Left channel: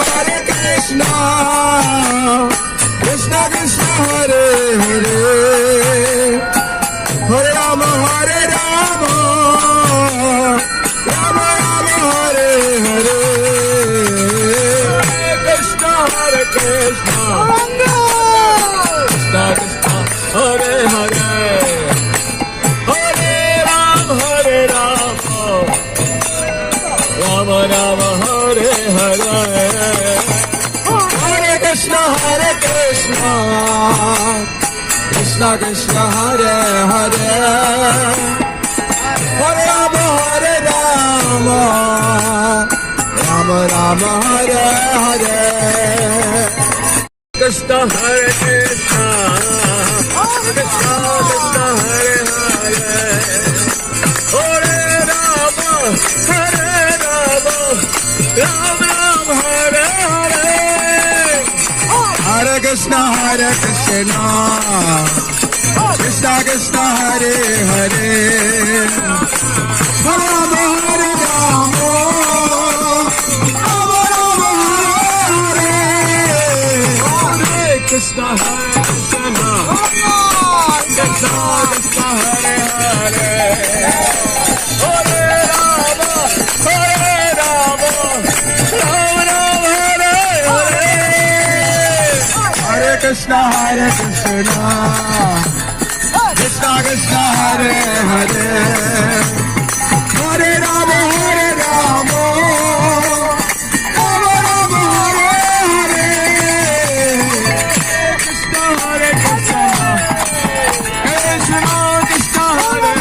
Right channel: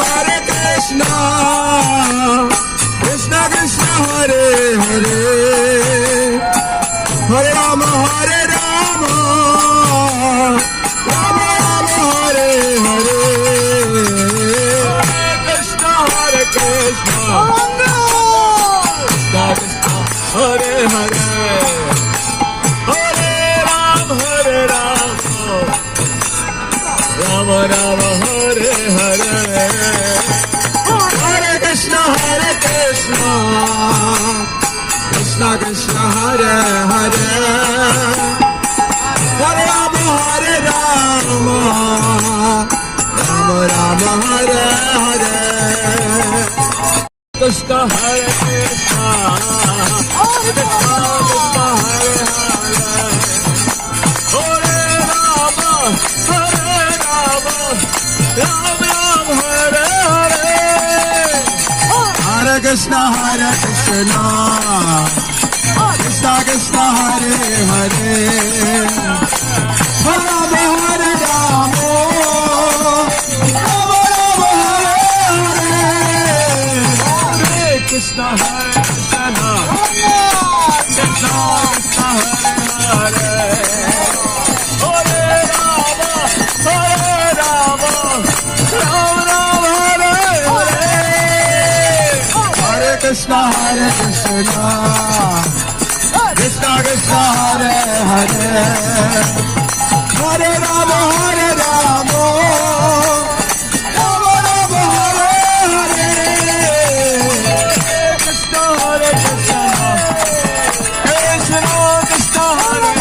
Hare Krishna, Krishna Krishna Hare Hare, Hare Rama Hare Rama, Rama Rama Hare Hare, Krishna Hare Krishna, Krishna Krishna Hare Hare, Hare Rama Hare Rama, Rama Rama Hare Hare, Hare Krishna Krishna Krishna Hare Hare, Hare Rama Hare Rama, Rama Rama Hare Hare, Krishna Hare Krishna, Krishna Krishna Hare Hare, Hare Rama Hare Rama, Rama Rama Hare Hare, Hare Krishna Krishna Krishna Hare Hare, Hare Rama Hare Rama, Rama Rama Hare Hare, Hare Krishna Krishna, Krishna Krishna Hare Hare, Hare Rama Hare Rama, Rama Rama Hare Hare, Hare Krishna Krishna Krishna Hare Hare, Hare Rama Hare Rama, Rama Rama Hare Hare, Krishna Hare Krishna, Krishna Krishna Hare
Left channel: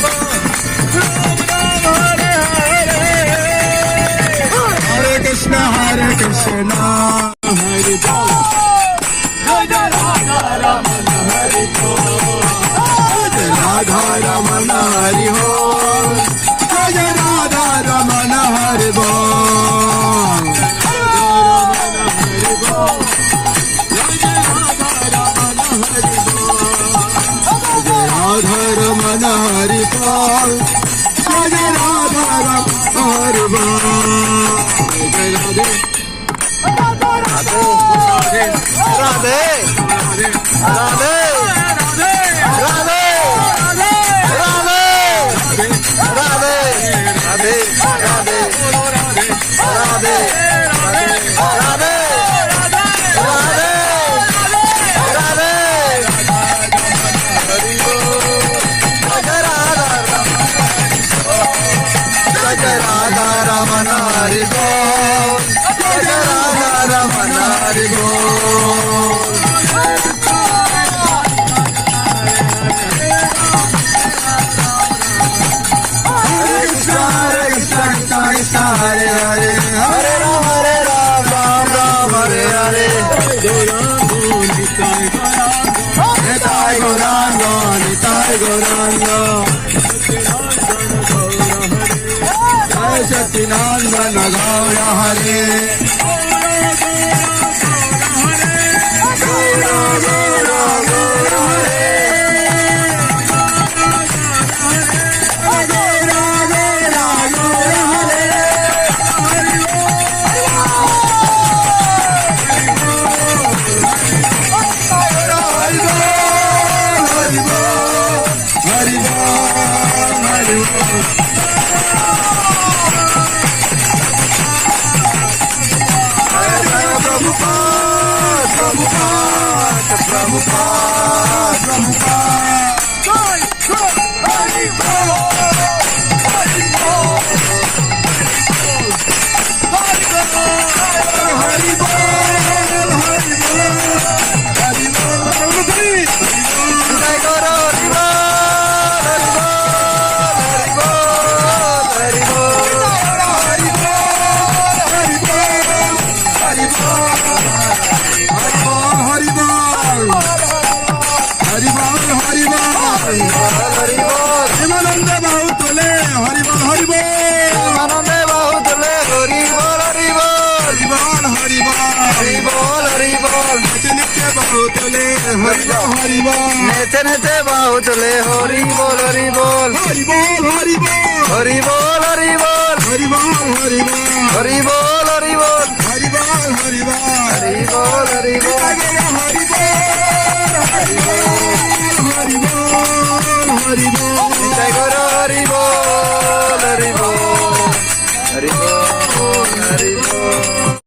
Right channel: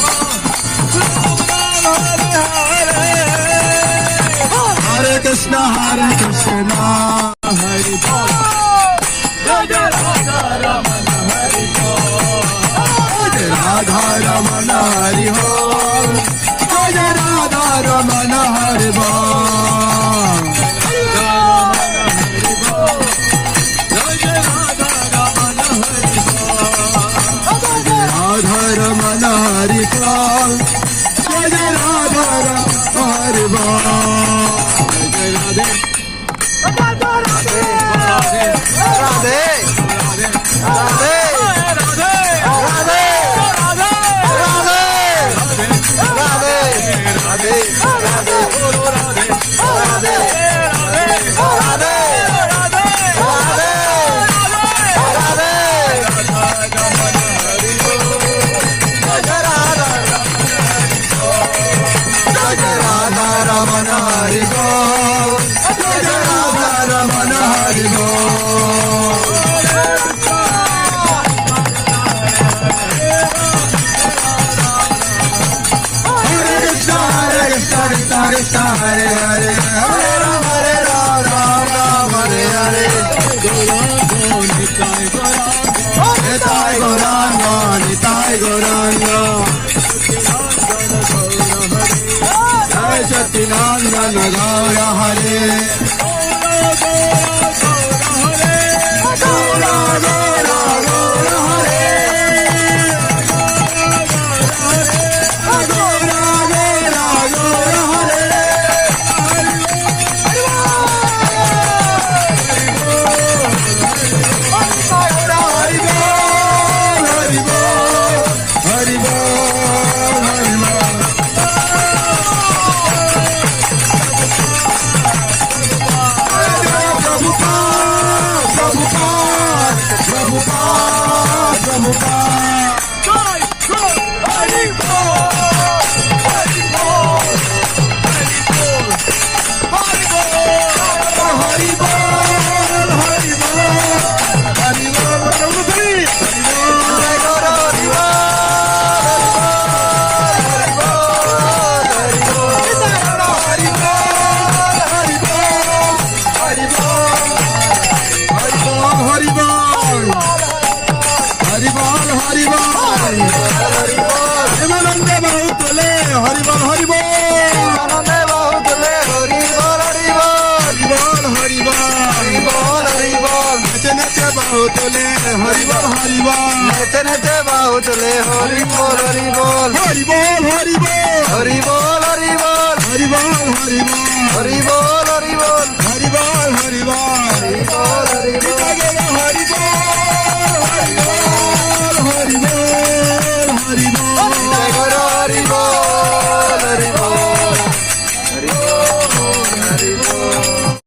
Hare, Hare Rama Hare Rama, Rama Rama Hare Hare, Hare Krishna Krishna Hare Bol, Jai Radha Ramana Hari Bol, Jai Radha Ramana Hari Bol, Jai Radha Ramana Hari Bol, Jai Radha Ramana Hari Bol, Jai Radha Ramana Hari Bol, Jai Radha Ramana Hari Bol, Jai Radha Radhe Radhe Radhe Radhe Radhe Radhe Radhe Satinandan Gaura Hare, নেচে নেচে বাহু তোলে হরি বল হরি বল নেচে নেচে বাহু তুলে হরি বল হরি বল হরি বল হরি বল হরি বল হরি বল হরি বল হরি বল হরি বল হরি বল